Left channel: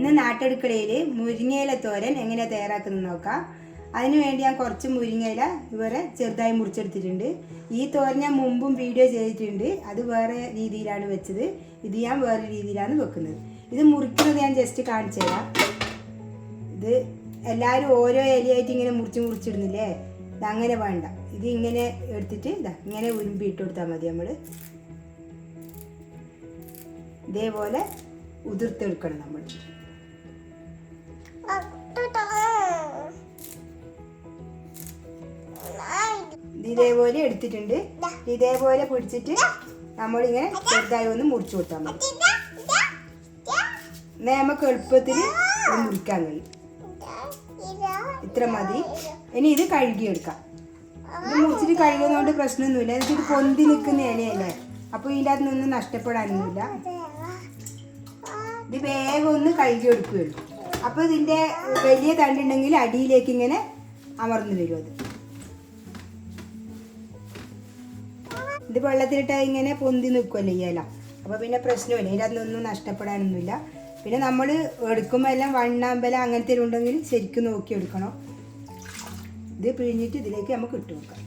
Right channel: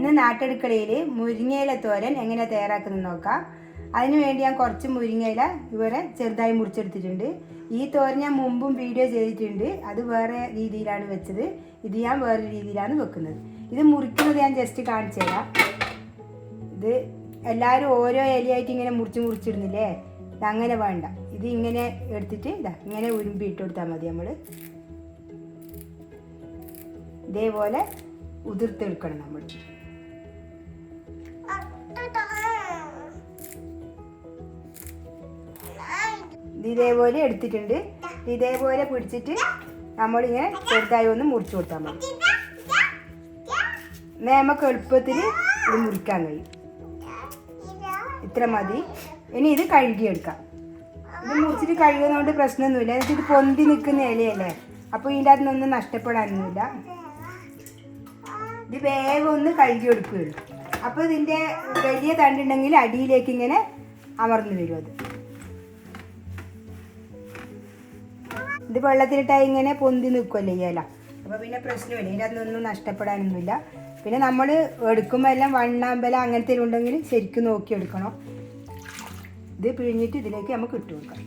ഇന്ന് നാട്ടടുക്കളയിൽ മുരിങ്ങയില തോരൻ എങ്ങനെ തയ്യാറാക്കുന്നത് നോക്കാം. അതിന് വേണ്ടി ഞാൻ കുറച്ച് മുരിങ്ങയില ഇവരെ ചെറുതായി മുറിച്ചെടുത്തിട്ടുണ്ട്. ഈ തോരൻ ഞാൻ മുമ്പും വീഡിയോ ചെയ്തിട്ടുണ്ട്. അത് വേറെ രീതിയിലാണ് വെച്ചത്. ഇത് ഞാൻ വേറെ രീതിയിലാണ് വെക്കുന്നത്. ഇത് മുറിക്കുന്നത് ഞാൻ ജസ്റ്റ് കാണിച്ചു തരാം. ഇത് എല്ലാവരും ഓരോ ഇലയായിട്ട് ഇങ്ങനെ മുറിച്ച് മുറിച്ചിടുന്നില്ലേ? അങ്ങനെ വേണ്ട. ഇത് ഇങ്ങനെ എടുത്തിട്ട് ഇതാ ഇങ്ങനെ ഉരുമ്പി ഇട്ട് കൊടുത്താൽ മതി നമ്മൾ ഇതേപോലെ ഉതിർത്തെടുക്കണം നമ്മൾ ഇതേപോലെ എടുത്തിട്ടുണ്ട്. ഇതേപോലെ പിടിച്ചിട്ട് നമ്മളിങ്ങനെ ചെറുതായി ഒന്ന് മുറിച്ചു കൊടുത്താൽ മതി. നമുക്ക് എളുപ്പത്തിൽ ഇത് മുറിക്കാൻ കഴിയും. ഇത്ര മതി. ഇനി ഇത് കഴുകിയെടുക്കാം ഇത് മുറിച്ചിട്ട് കഴുകുന്നതുകൊണ്ട് പ്രശ്നമൊന്നുമില്ല. എന്നിട്ട് ഇത് പൊന്തി നിൽക്കുന്ന ഇലയല്ലേ? അപ്പോൾ ഇതിന്റെ അകത്ത് നിന്നൊന്നും നഷ്ടപ്പെടാനൊന്നുമില്ല. ഇത് വേഗം ഒന്ന് കഴുകി എടുക്കുകയുള്ളൂ. അപ്പോൾ ഇതിന്റെ വലിയ തണ്ടുണ്ടെങ്കിൽ അടിയിലേക്ക് ഇങ്ങനെ അമർന്നു വരും അത്. ഇത് വെള്ളത്തിലിട്ടാൽ ഇങ്ങനെ പൊന്തി നിൽക്കുമല്ലോ ഈ ഇല? അപ്പോൾ പിന്നെ പ്രശ്നമില്ല. ഇതിന്റെ അതൊന്നും നഷ്ടപ്പെടാനൊന്നുമില്ല. പിന്നെ നമ്മൾ എടുക്കുമ്പോൾ എല്ലാം വണ്ണാമ്പല അങ്ങനത്തെ ഉണ്ടെങ്കിൽ ശരിക്കും നോക്കി എടുക്കണം. ഇത് പിഴിഞ്ഞിട്ട് ഇതിലേക്ക് നമുക്ക് ഇട്ട് കൊടുക്കാം.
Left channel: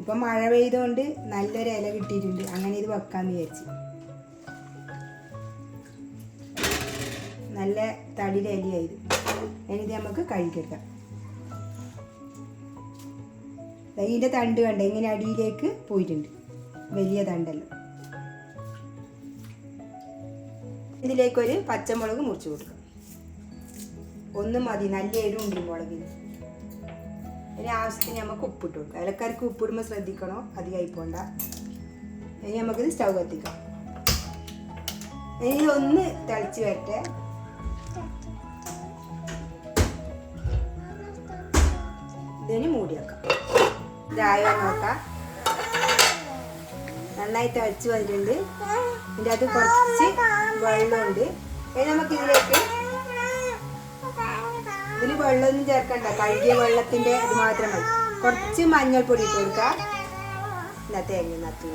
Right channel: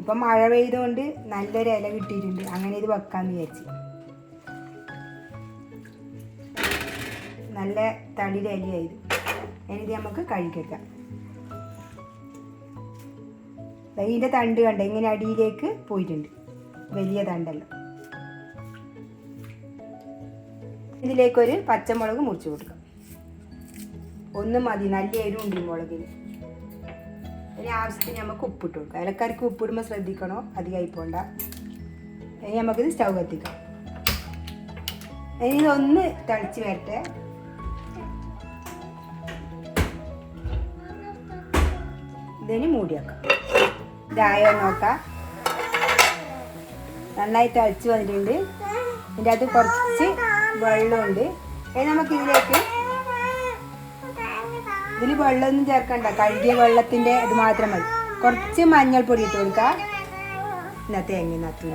ഇപ്പം മഴ പെയ്തുകൊണ്ട് നല്ലൊരു ഇല കിട്ടിയിട്ടുണ്ട്. അങ്ങനെ ഇത് വെക്കാമെന്ന് വിചാരിച്ച്. നല്ല തടിയുടെ ഇലയായത് ഇനി ഇത് നമുക്ക് കഴുകിയെടുക്കാം. ഇതിന്റെ തണ്ട് കണ്ട? ഇങ്ങനെ അടിയിലേക്ക് പോയിട്ടുണ്ട്. വലിയ തണ്ടല്ലോ. ഇതിലേക്കൊരു പച്ചമുളക് മുറിച്ച് കൊടുക്കാം. ഒന്ന് മതി നല്ല എരിവുണ്ട് മുളകിന്. അതിന് ആവശ്യത്തിന് നമുക്ക് ഉപ്പിട്ട് കൊടുക്കാം. ഇലക്കറിക്ക് ഉപ്പിടുമ്പോൾ ശ്രദ്ധിക്കണോ? അധികമായി പോണ്ട. ഇനി നമുക്കിത് സ്റ്റൗ കത്തിക്കാം. ഇനി ഇതൊന്ന് തിളച്ച് വരട്ടെ. ഇതിന് മൂടി വെക്കാം. ഇതായോ നോക്കാം. നന്നായി അടിച്ചു വന്നിട്ടുണ്ട്. ഇതിന്റെ അത് കുറച്ച് വെള്ളമുണ്ട്. നമുക്ക് ഇതിലേക്ക് ഇതിൽ വെള്ളമൊന്നും ചേർക്കണ്ട. കഴുകിയ വെള്ളത്തിന്റെ ഇത് മാത്രം മതി. കുറച്ച് മഞ്ഞൾപ്പൊടി ഇട്ട് കൊടുക്കാം. എന്നാ തേങ്ങ നത്തൂല.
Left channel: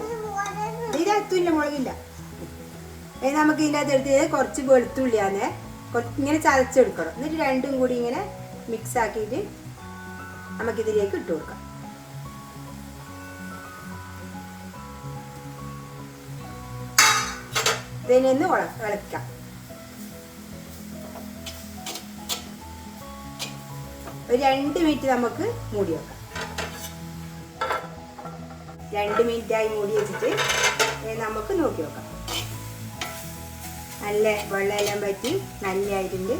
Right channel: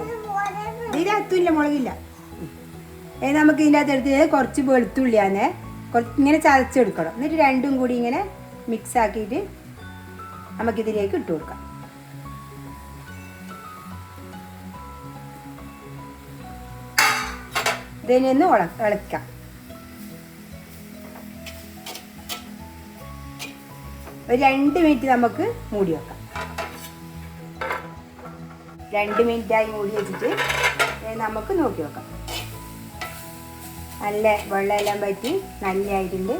ഇതിൽ മുളകില്ല. ഇനി നമുക്ക് ഇതിന്റെ അകത്ത് എടുത്ത് കുറച്ച് വെളുത്തുള്ളിയാണ്. കുറച്ച് ഇങ്ങനെ ചതച്ചെടുക്കണം. എന്നിട്ട് രണ്ടും കൂടി ഇങ്ങനെ മിക്സ് ആക്കിയിട്ട് നമുക്കിതിലേക്ക് ഇട്ട് കൊടുക്കാം. ഇതിനെ ഒന്ന് ഉള ഇളക്കാം ഒരു രണ്ട് മിനിറ്റ് നമുക്ക് മൂടി വെക്കാം. രണ്ട് മിനിറ്റായി മൂടി വെച്ചിട്ട് നമുക്ക് നോക്കി വെക്കാം. നല്ല വെള്ളമെല്ലാം പറ്റി നല്ലതായിട്ടുണ്ട്.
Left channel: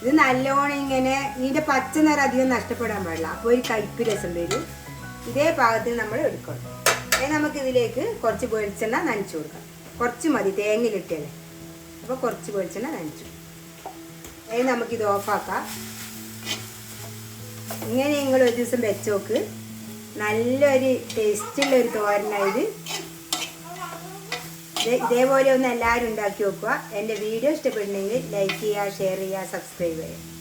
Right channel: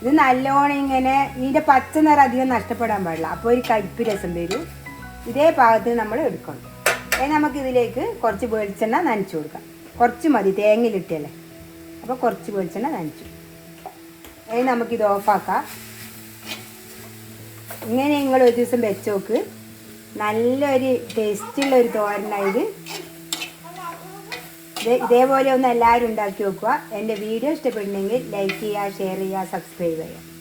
ഇത് നല്ലോണം ഇങ്ങനെ ഇതിന്റെ പച്ച നിറം അധികം നഷ്ടപ്പെടാൻ പാടില്ല. അപ്പോൾ ഒരു കയ്പ്പ് രസം വരും. ഇതേ പാകത്തിന് നമ്മൾ എടുക്കണം. ഇനി നമുക്കിതിലേക്ക് കുറച്ച് വെളിച്ചെണ്ണ നനച്ചു കൊടുക്കാം. കുറച്ച് മതി തേങ്ങയിലിട്ടല്ലേ അപ്പോൾ കുറച്ച് വെളിച്ചെണ്ണ നനച്ചു. ഇനി നമുക്കിത് ഓഫാക്കാം. ഇങ്ങനെ നിങ്ങൾ ഒരു ദിവസം വെച്ച് നോക്ക്. നല്ലൊരു ടേസ്റ്റുള്ള ഒരു തോരനായത് ഇതേപോലെ ഒന്ന് എല്ലാവരും ഉണ്ടാക്കി നോക്കുക. എന്റെ വീഡിയോ ഇഷ്ടപ്പെടുന്നെങ്കിൽ ലൈക്ക് ചെയ്യുക ഷെയർ ചെയ്യുക സബ്സ്ക്രൈബ് ചെയ്യുക.